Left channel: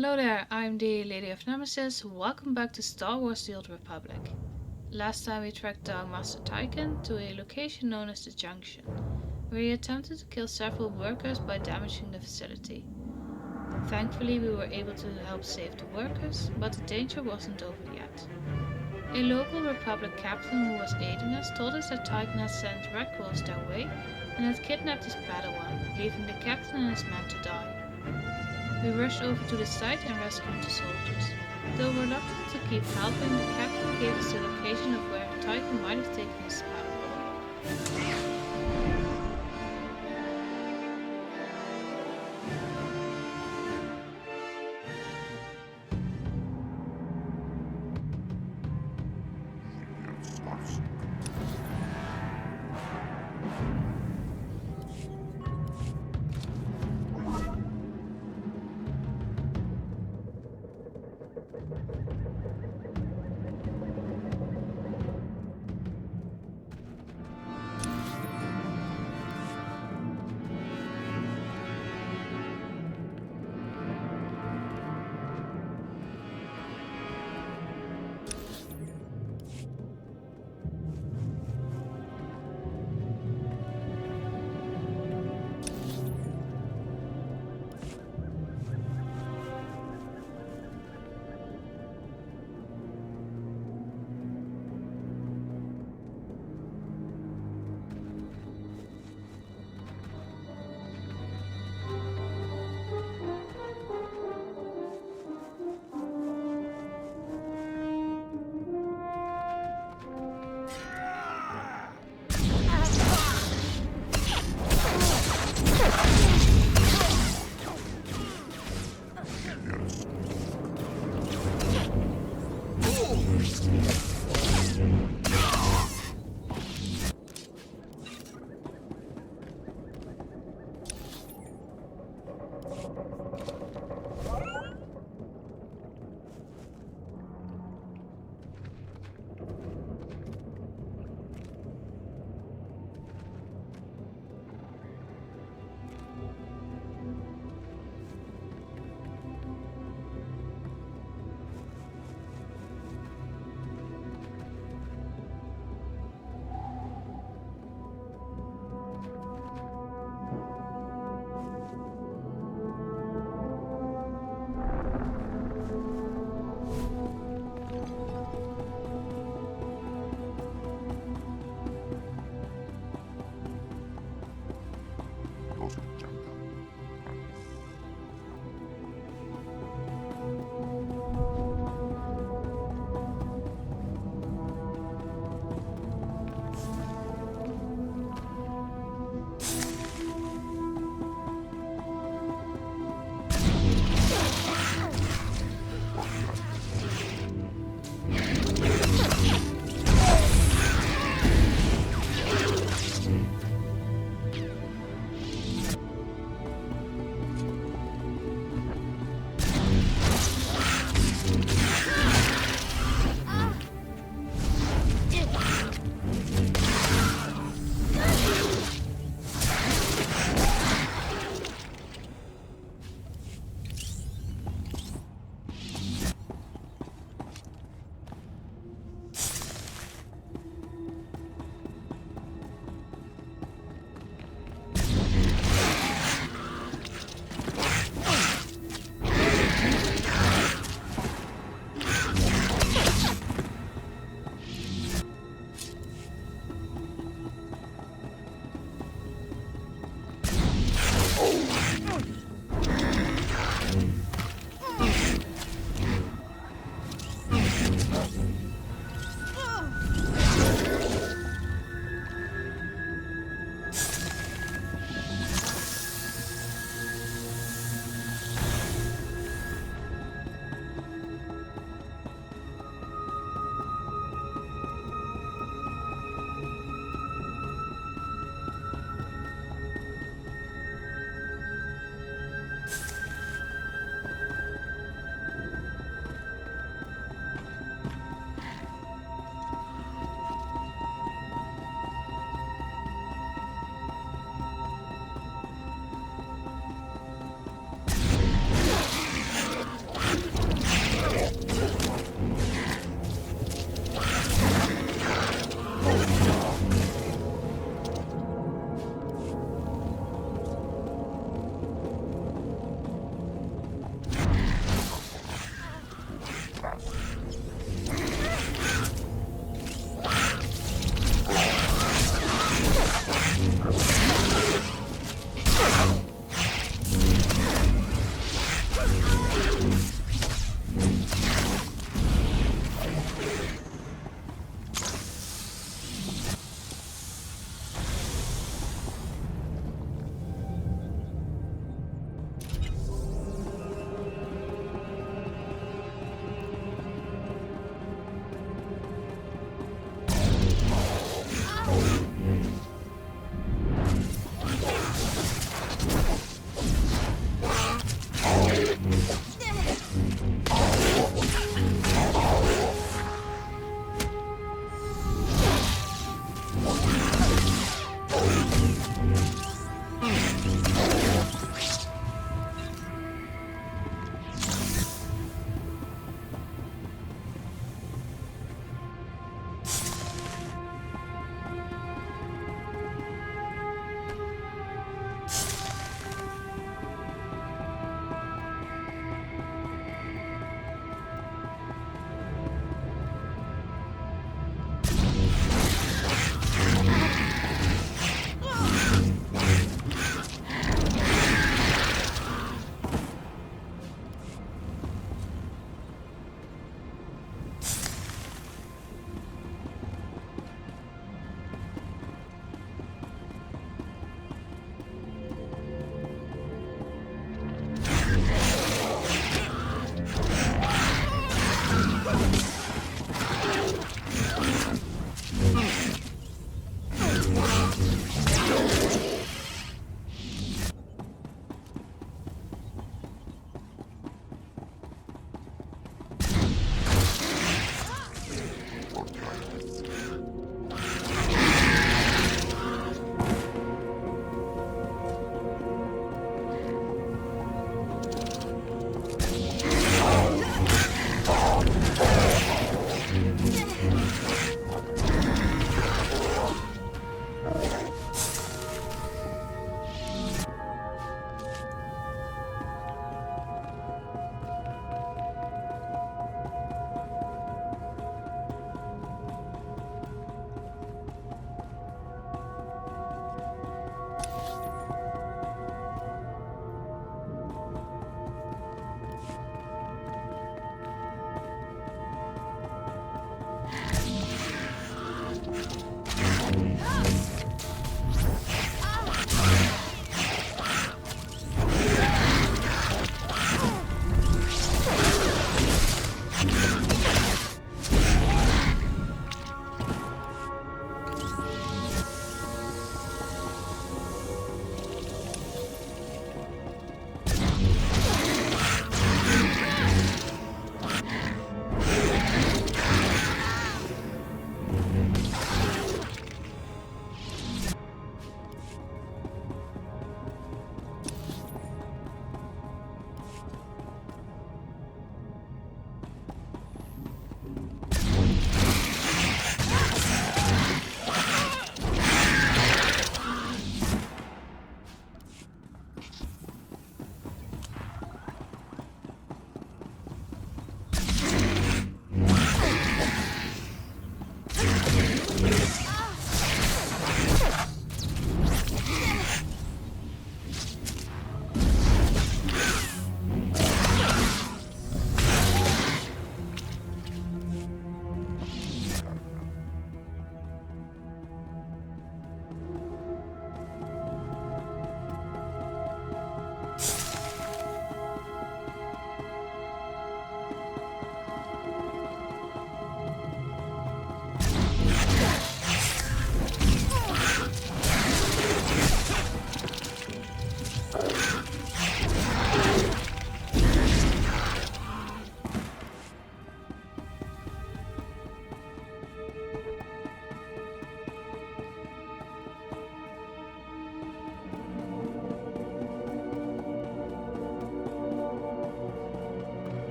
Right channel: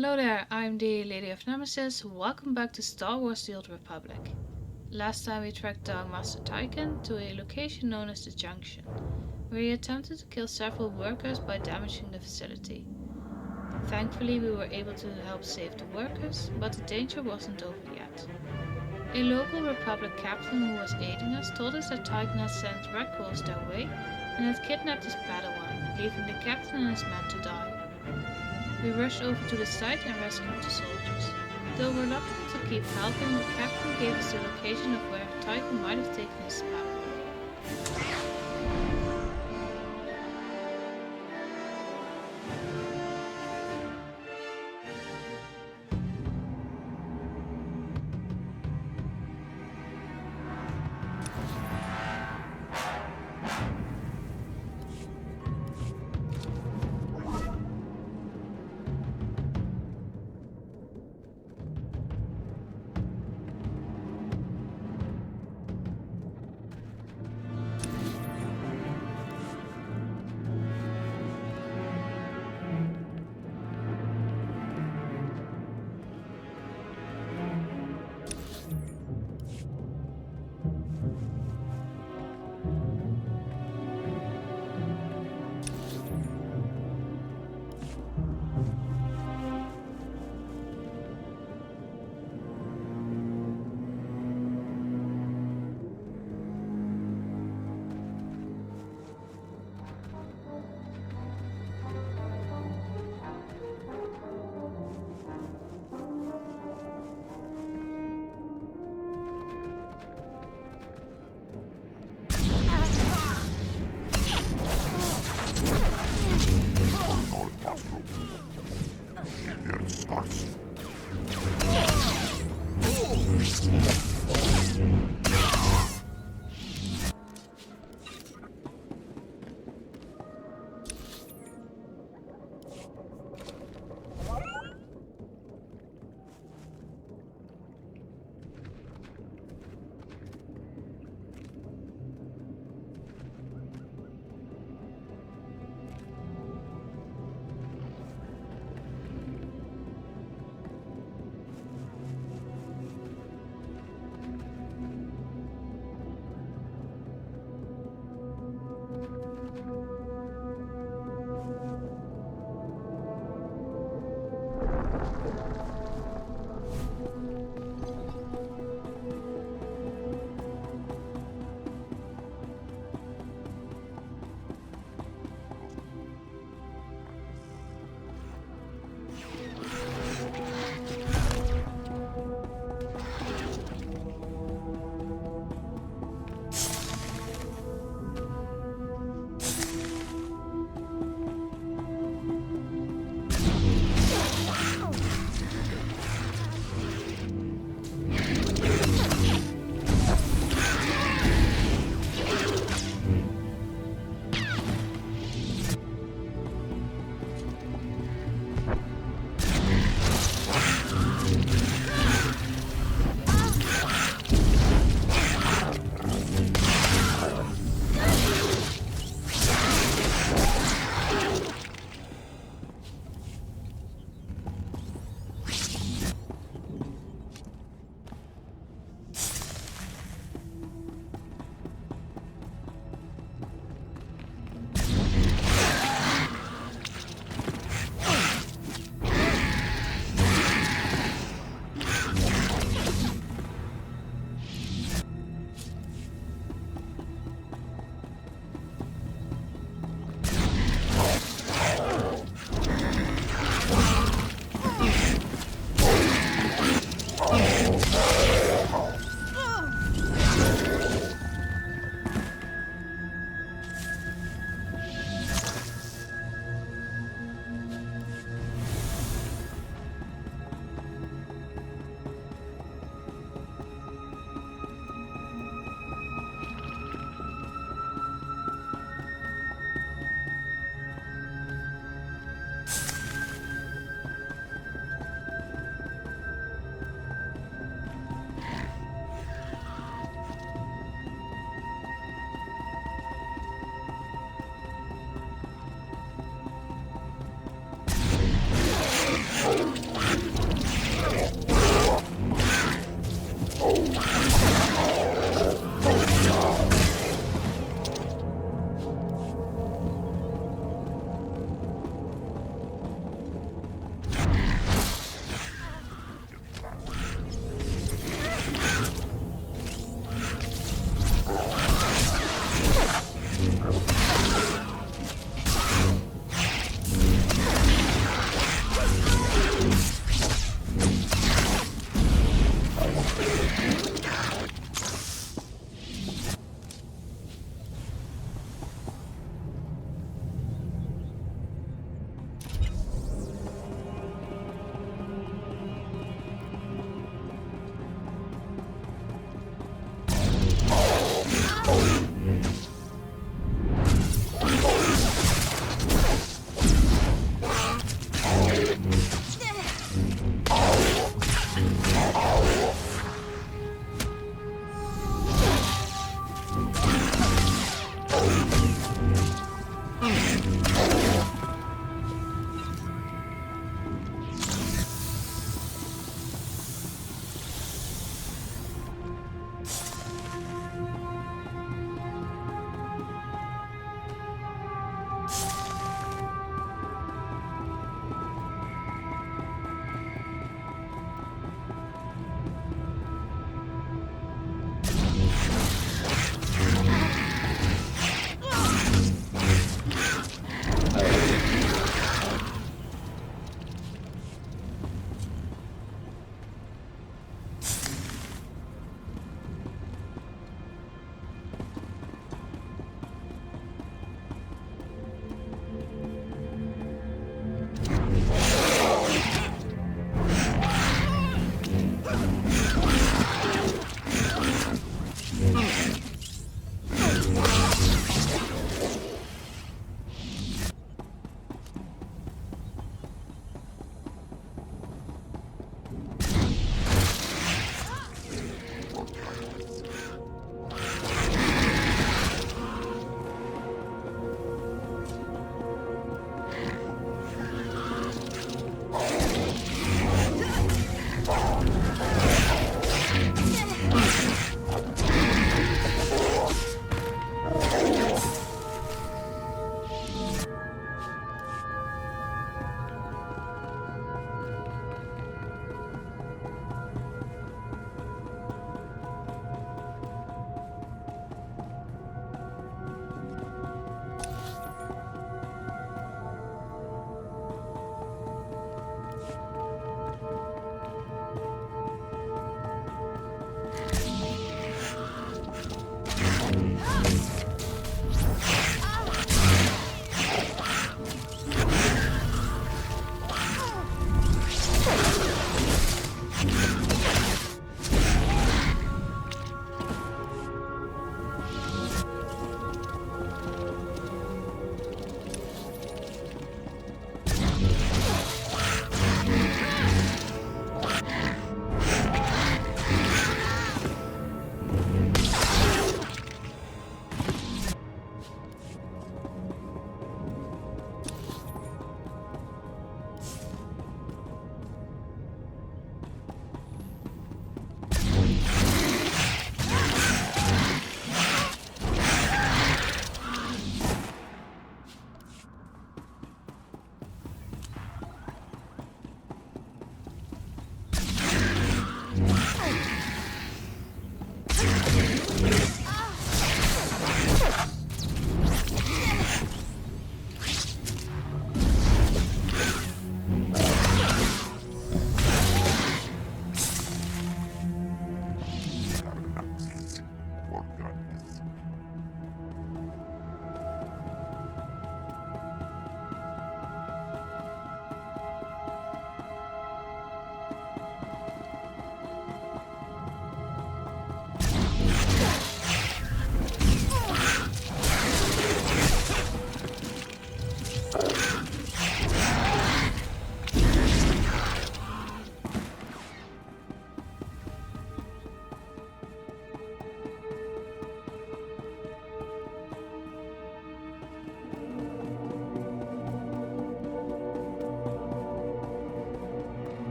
Hello there, I'm the Lady of Nemesis. Welcome back to Star Wars The Old Republic. Last time we tracked down Master Tykan to a location known as the Junction, where he attempted to kill several workers by damaging the facility. Thankfully, we were able to help save the workers, but the danger wasn't over yet. A local Republic captain who was aiding us told us that Tykan had sent recruits their way and had kidnapped his Padawan, leaving the captain and his men to die. We rushed over to the site and rescued the soldiers. Though reluctant to keep helping, the captain gave us the location of where Tykan might have taken his Padawan.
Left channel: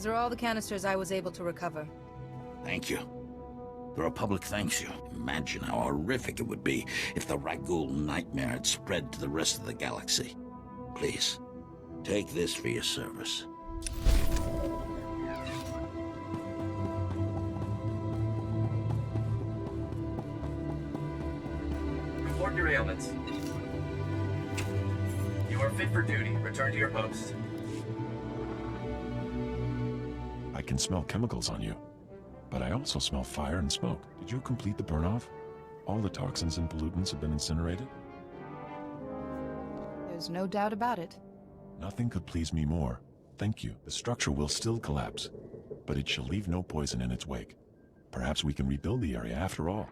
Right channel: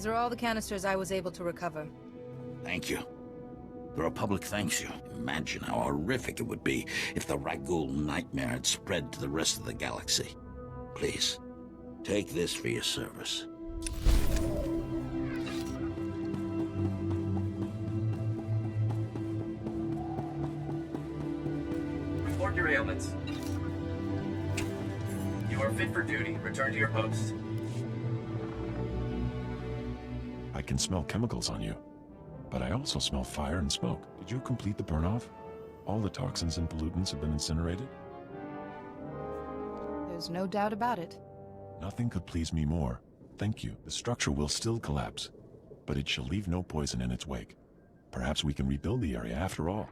These are all the canisters I was able to recover. Thank you. The Republic thanks you. Imagine how horrific it would be if the Ragul nightmare had spread to the rest of the galaxy. Please, take this for your service. Report your ailments. You are fit for duty. Return to your post. I can smell chemicals on you, but I also smell fire and smoke. Did you complete the burn-off? All the toxins and pollutants have been incinerated? There's no doubt about it. Nothing could please me more. Thank you. The structure will still collapse, but it shall leave no poison in its wake. Perhaps we can rebuild the area after all.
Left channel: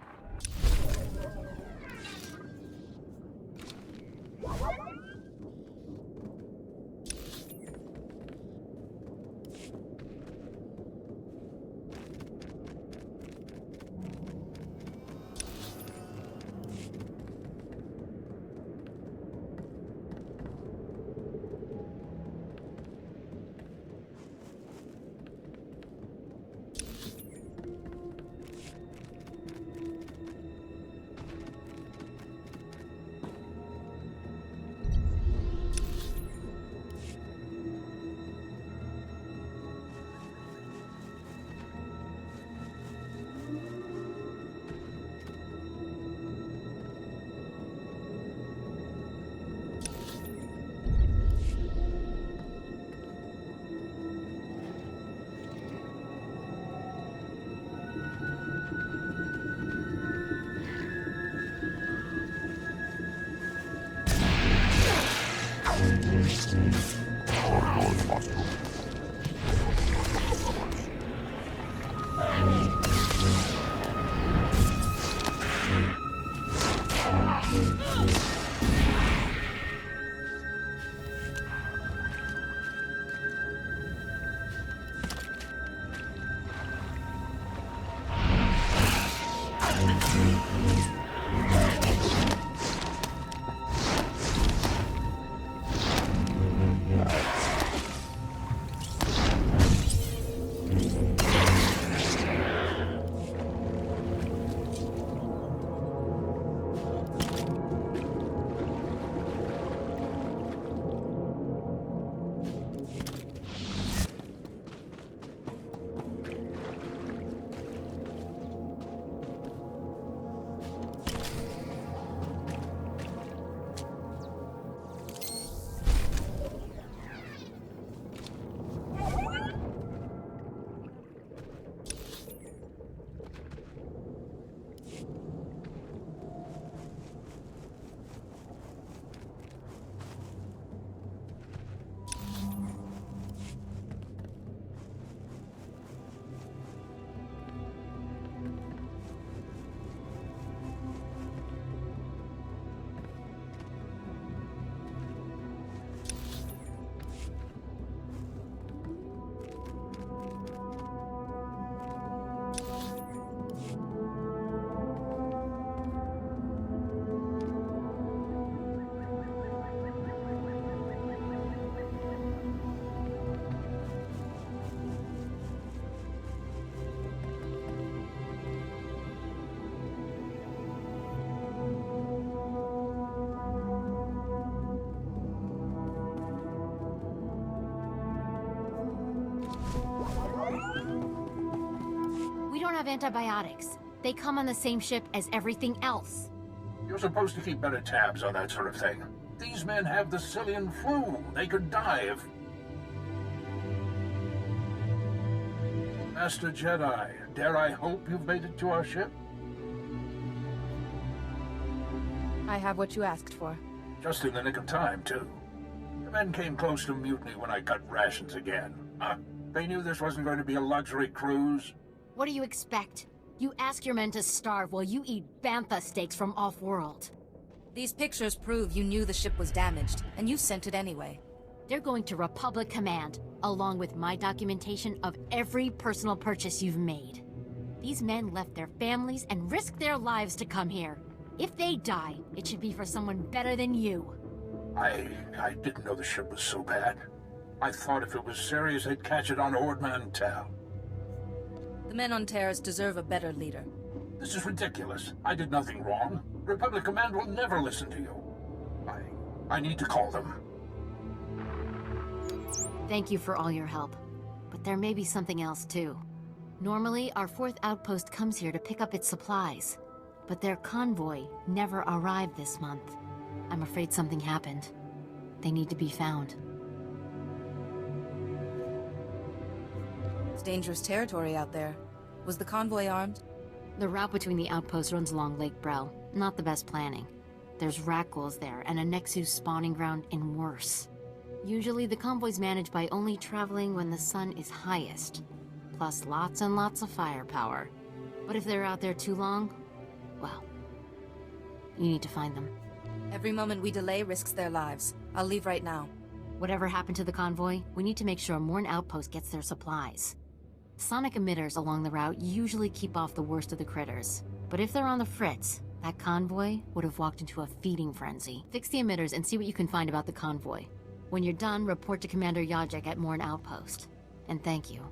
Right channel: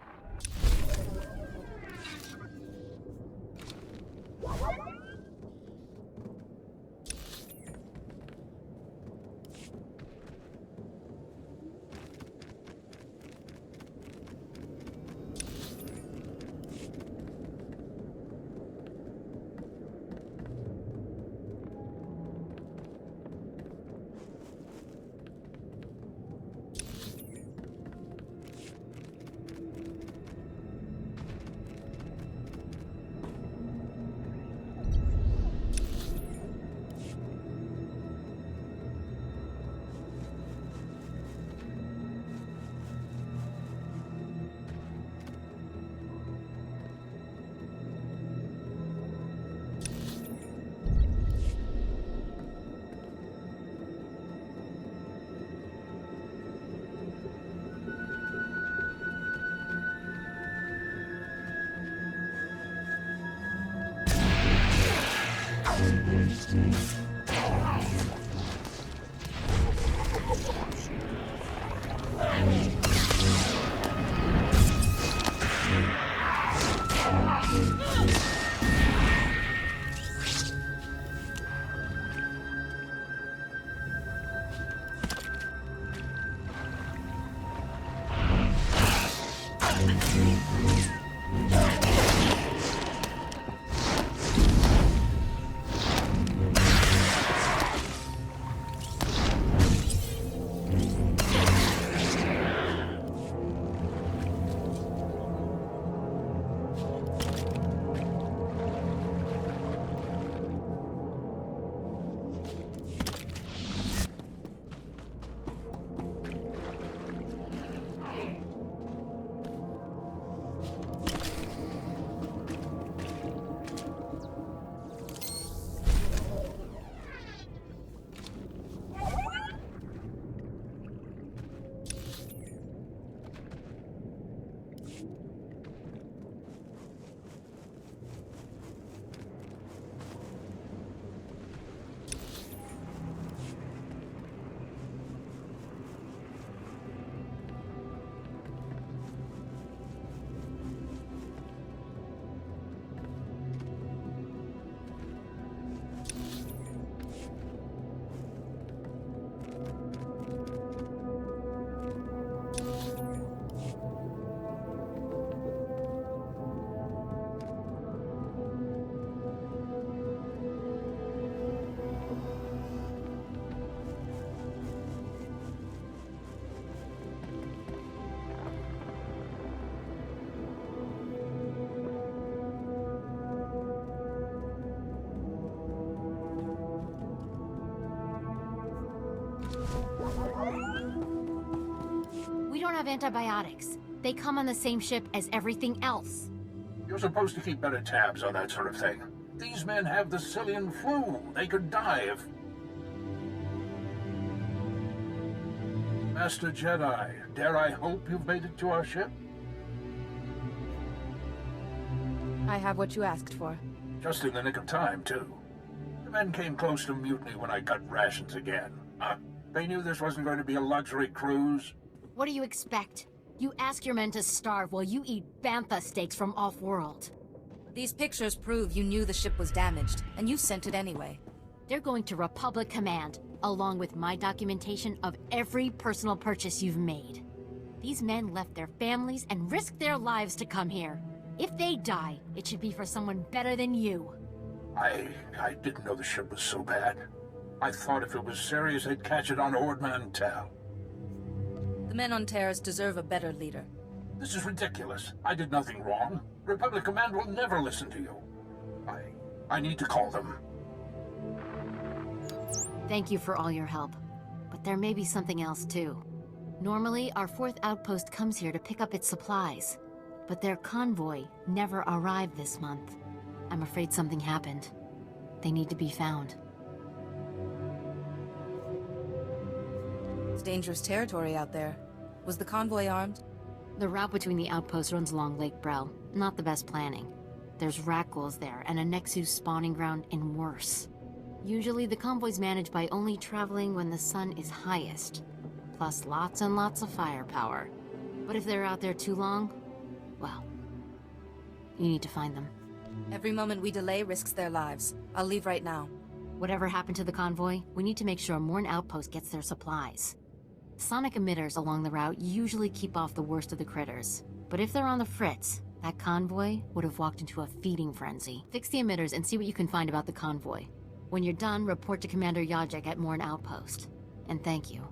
We don't have antibiotics. They come on the same ship as everything else. You're supposed to keep better tabs on that sort of thing. These men have the Cillian flu. They could die if... Master Jedi, dare I hope you've made it to our ship? I have what you asked for. Just in the nick of time, too. The men came close to mutiny when I cut rations again. They knew this wasn't going to be a luxury cruise. What do you expect? You ask your men to starve while you eat bantha steaks from off-world. These pictures prove you knew the ship was damaged, and you sent it anyway. They're going to Republic Command, along with my documentation of every personal purchase you've made. These men left their families and risked their lives to come here. If they die, it should be for someone better than you. I didn't know the ship was so bad. I thought if it was serious, they'd catch it on Ord Mantell. The men on Taris deserve a better leader. This is ridiculous. I did nothing wrong. Republic Command will never listen to you. I need to call them. Thank you for all your help. But there may be something else too. Normally, our 4th outpost comes here to pick up its supplies. But their convoy never arrived this month. I'm afraid something happened. They need to be found. It's dangerous territory out there. Was the convoy armed? The route between the outposts runs along Lake Brel. Not the best planning. There's rat ghouls there, and a Nexus spawning ground, and worse. Usually the convoy's managed by only traveling when the sun is highest. Plus lots and lots of firepower. But if they're out there too long, well, you need to find them. Every moment we delay risks their lives. I'll leave right now. Whatever happened to the convoy, we need to make sure Morn Outpost gets their supplies. Sonic emitters along the route usually keep off the worst of the critters. But if they're on the fritz, that convoy would have walked into a feeding frenzy. Fix the emitters and see what you can find about the convoy. When you're done, report to Commander Yajek at Morn Outpost. And thank you.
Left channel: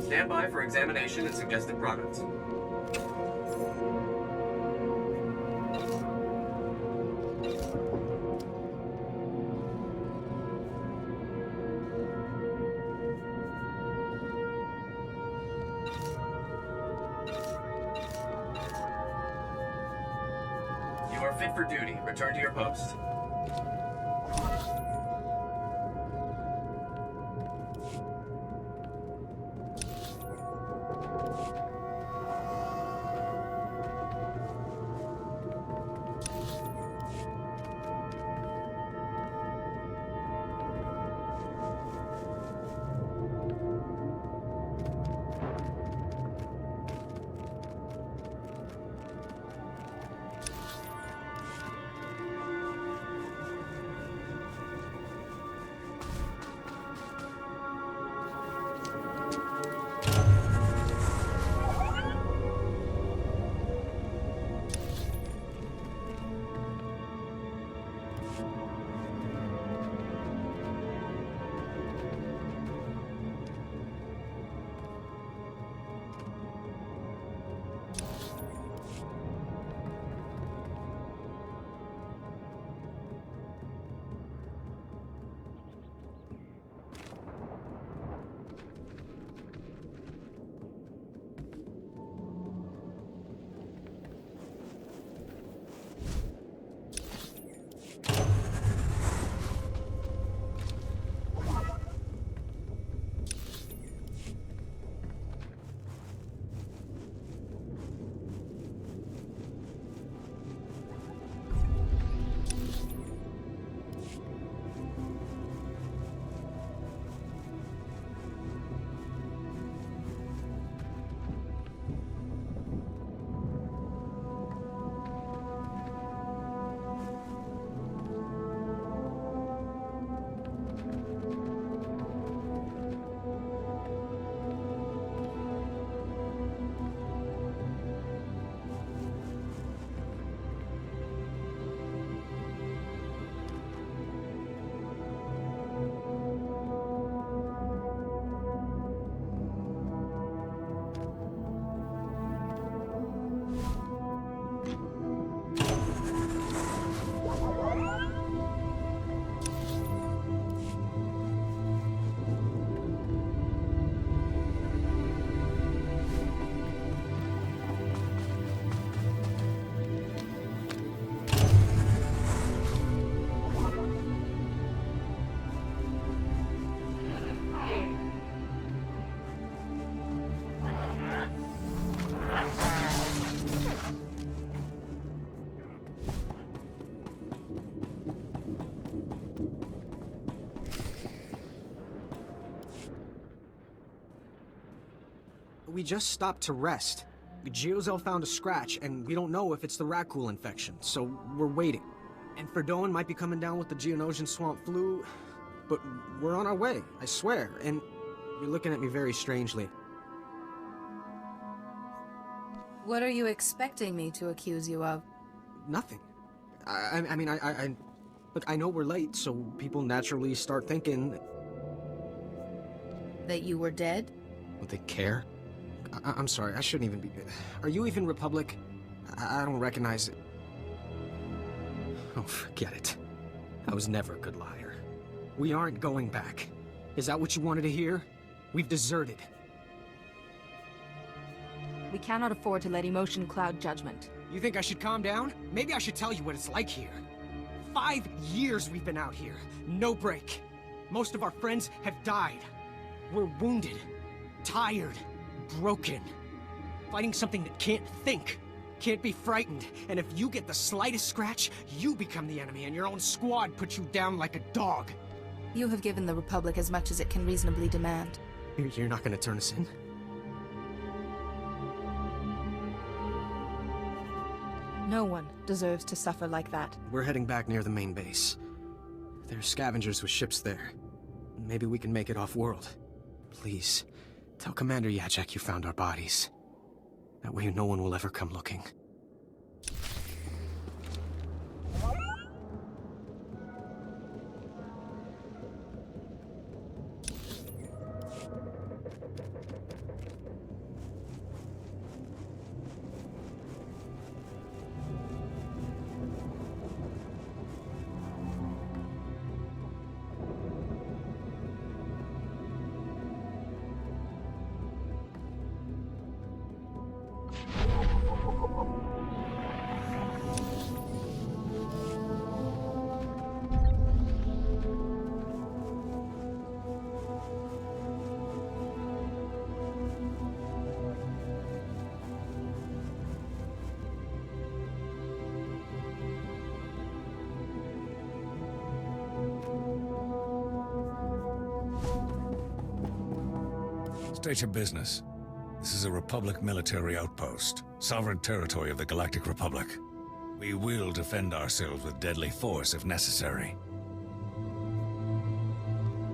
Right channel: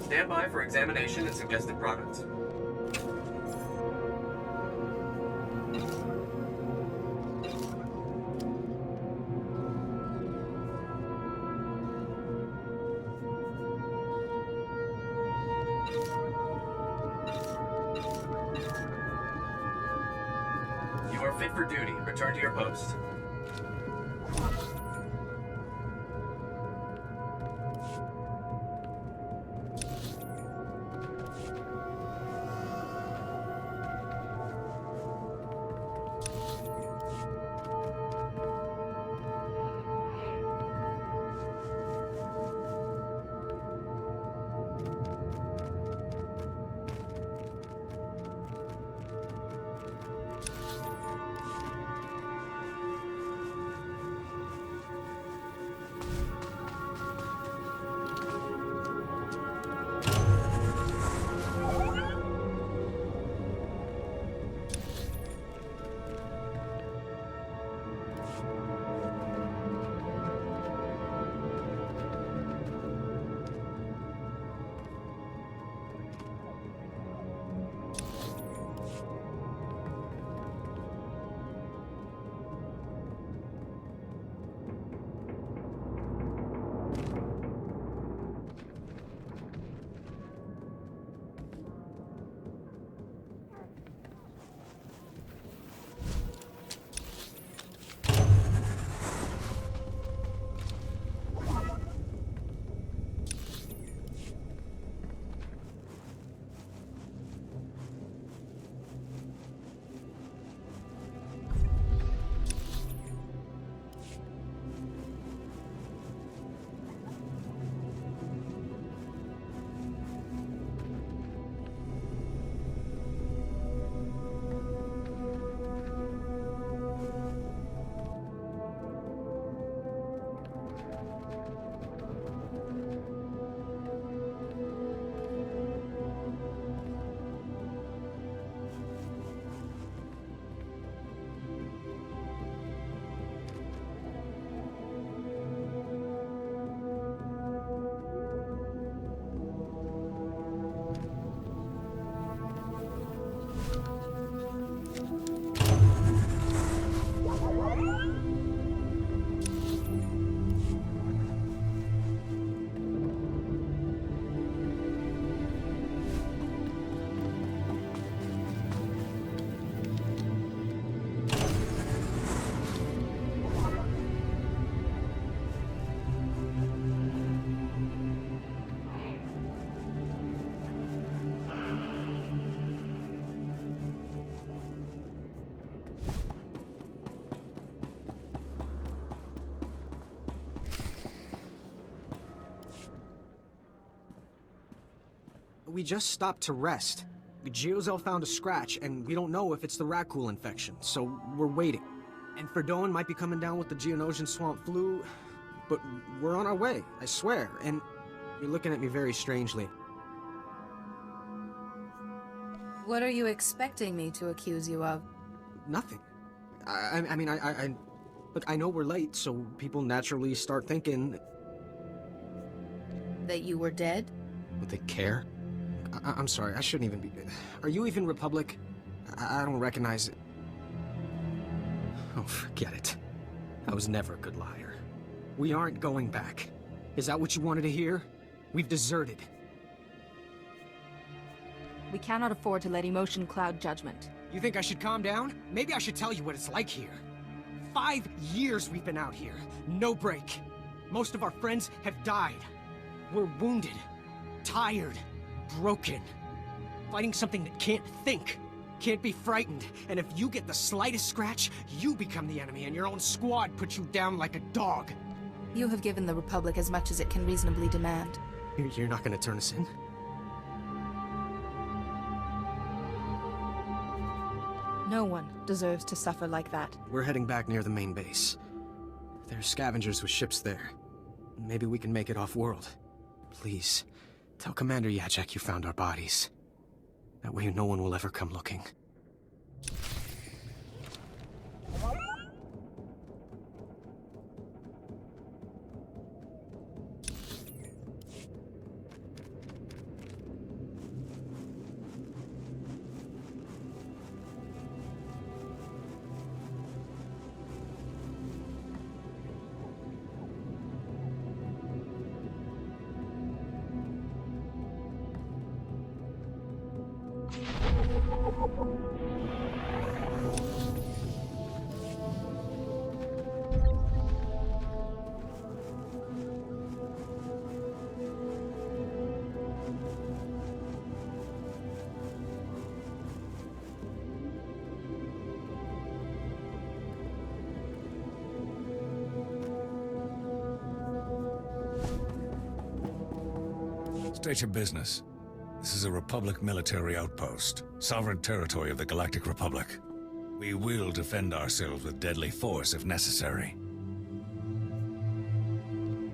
Stand by for examination and suggested products. You are fit for duty. Return to your post. we just stopped to rest. Geozel found a scratch, and we don't know if it's the Rakghoul infection, so we're waiting. And Ferdoan might be coming down with the Geonosian swamp flu, but we're on our way, I swear, and you're looking at me very strangely. What are you expecting me to accuse you of? Nothing. Look, I know we're late, so people naturally start thinking... That you were dead? Would they care? I'm sorry, I shouldn't even be... Are you even Republic? I don't recognize it. Oh, forget it. I was never a good liar. We aren't going back. Is that what you wanted to hear? We've deserted. We cannot afford to let emotion cloud judgment. You think I should calm down? Maybe I should tell you what it's like here. 5 years we've been out here. No break. Most of our friends have died. We're wounded, tired, broken. Fighting something that can't think, can't be frightened. And if you get the slightest scratch, you become the enemy and your own squad puts you down like a dog. You have given the Republic as much as it can reasonably demand. You're not gonna turn us in? No one deserves to suffer like that. We're heading back near the main base. There's scavengers with ships there. Maybe we can make it off-world. Please, tell Commander Yachek you found our bodies. That way no one will ever come looking. State your business. This is a Republic military outpost, sovereign territory of the Galactic Republic. We will defend ourselves with deadly force if necessary.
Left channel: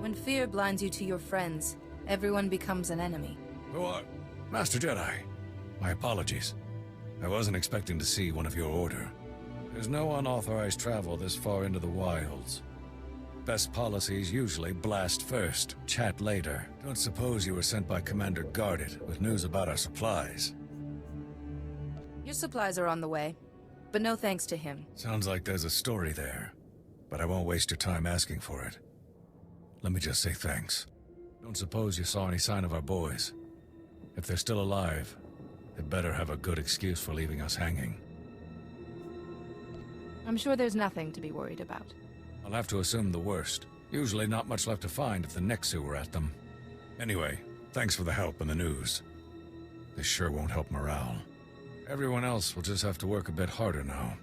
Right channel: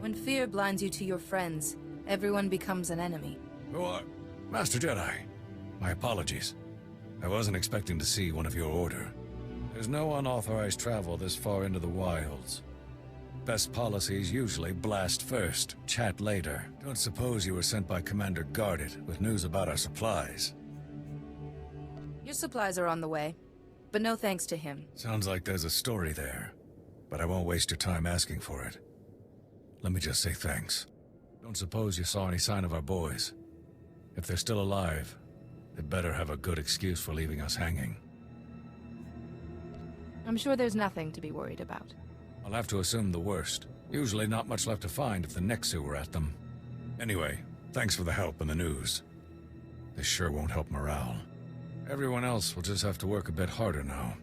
When fear blinds you to your friends, everyone becomes an enemy. Oh, Master Jedi. My apologies. I wasn't expecting to see one of your order. There's no unauthorized travel this far into the wilds. Best policies usually blast first, chat later. Don't suppose you were sent by Commander Guarded with news about our supplies. Your supplies are on the way, but no thanks to him. Sounds like there's a story there, but I won't waste your time asking for it. Let me just say thanks. Don't suppose you saw any sign of our boys. If they're still alive, they better have a good excuse for leaving us hanging. I'm sure there's nothing to be worried about. I'll have to assume the worst. Usually not much left to find if the Nexu were at them. Anyway, thanks for the help and the news. This sure won't help morale. Everyone else will just have to work a bit harder now.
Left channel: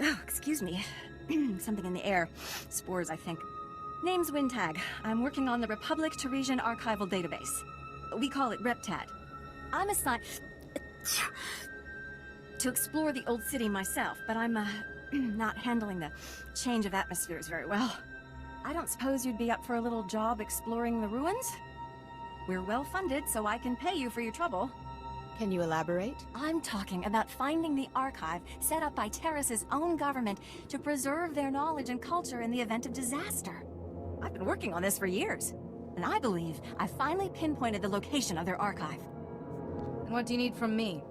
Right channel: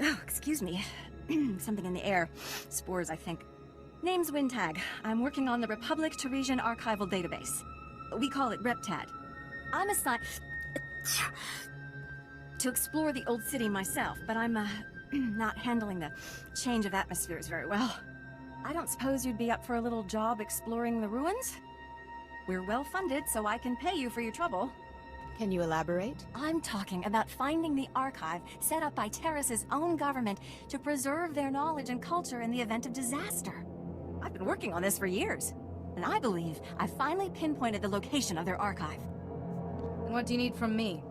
Oh, excuse me. Something in the air. Spores, I think. Name's Wintag. I'm working on the Republic Taresian archival database. We call it RepTad. I'm assigned to explore the old city myself, but I'm not handling the change of atmospheres very well. I don't suppose you'd be up for a little job exploring the ruins? We're well funded, so I can pay you for your trouble. Can you elaborate? I'm talking about finding the archive set up by Taris's own government to preserve their knowledge and culture in the event of disaster. I've been working on this for years, and I believe I've finally pinpointed the location of their archive. And what do you need from me?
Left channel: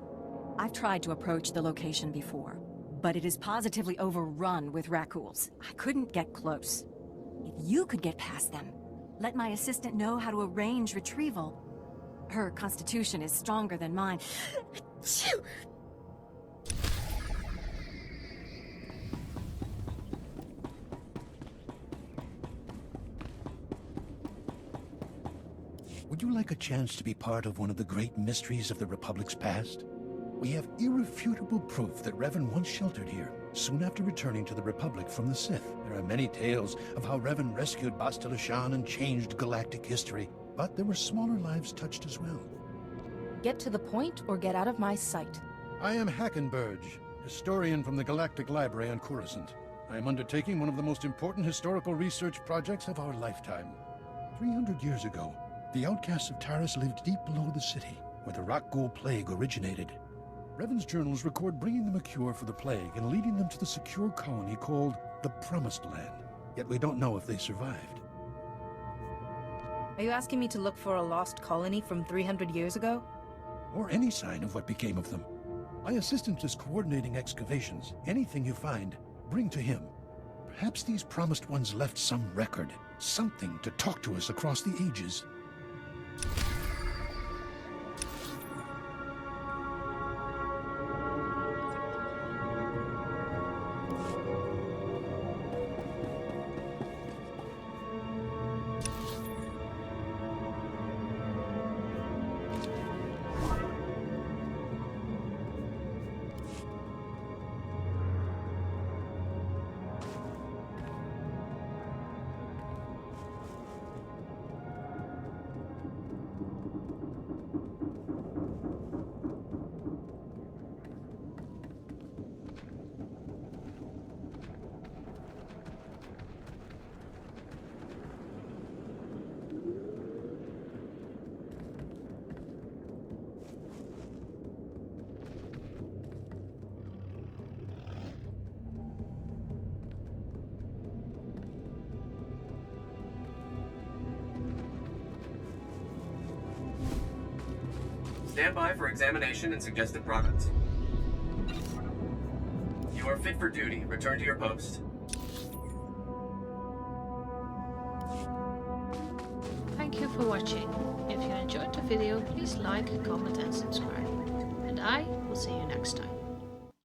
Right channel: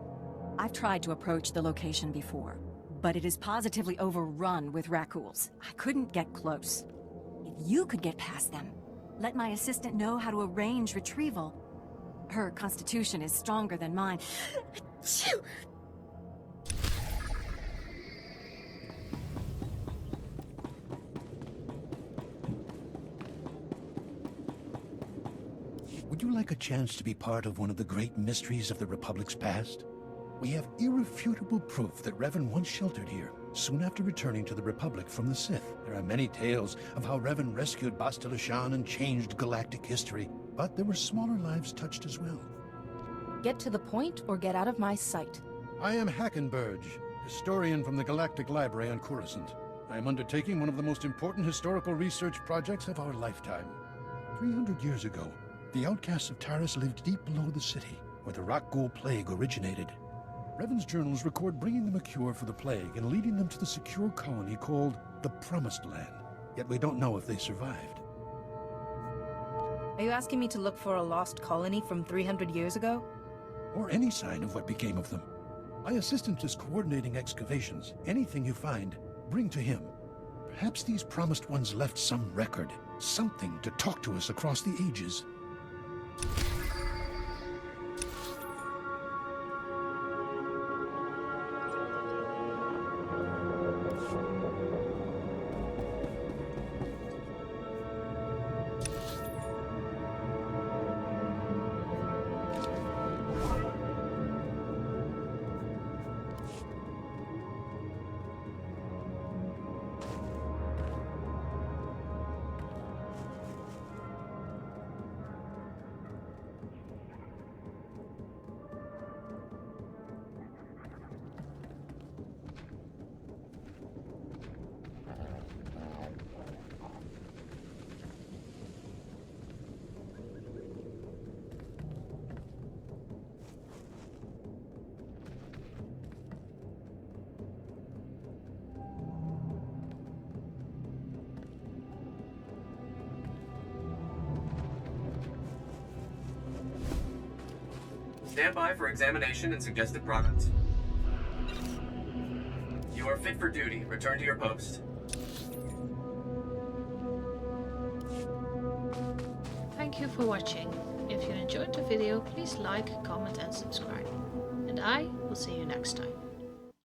I've tried to approach the location before, but it is positively overrun with Rakghouls. I couldn't get close. If you could get past them, let my assistant know how to arrange retrieval. Her constitution is stronger than mine. would you like a chance to be part of one of the great mysteries of the Republic's past? We have irrefutable proof that Revan once sheltered here, soon after returning to the Republic from the Sith. There are many tales of how Revan rescued Bastila Shan and changed galactic history, but there were smaller lives touched as well. Get to the point or get out of my sight. I am Hackenberg, historian from the Galactic Library on Coruscant. I am undertaking one of the most important historical research projects of our lifetime. 300 years ago, the outcasts of Taris lived deep below the city, where the Rakghoul plague originated. Revan's journals record bringing them a cure for the plague and leading them to the secure colony called the Promised Land. Yet we don't know if they survived. Are you asking me to look for a lost colony from 300 years ago? Or any sign of what became of them. My assistant is coordinating excavations. Anything you find, bring to him. Perhaps these promised ones left some record, something to talk to us across the ages. Stand by for examination and suggested products. You are fit for duty. Return to your post. Thank you for watching. If you enjoyed the video, please like, comment and subscribe. And I will see you next time.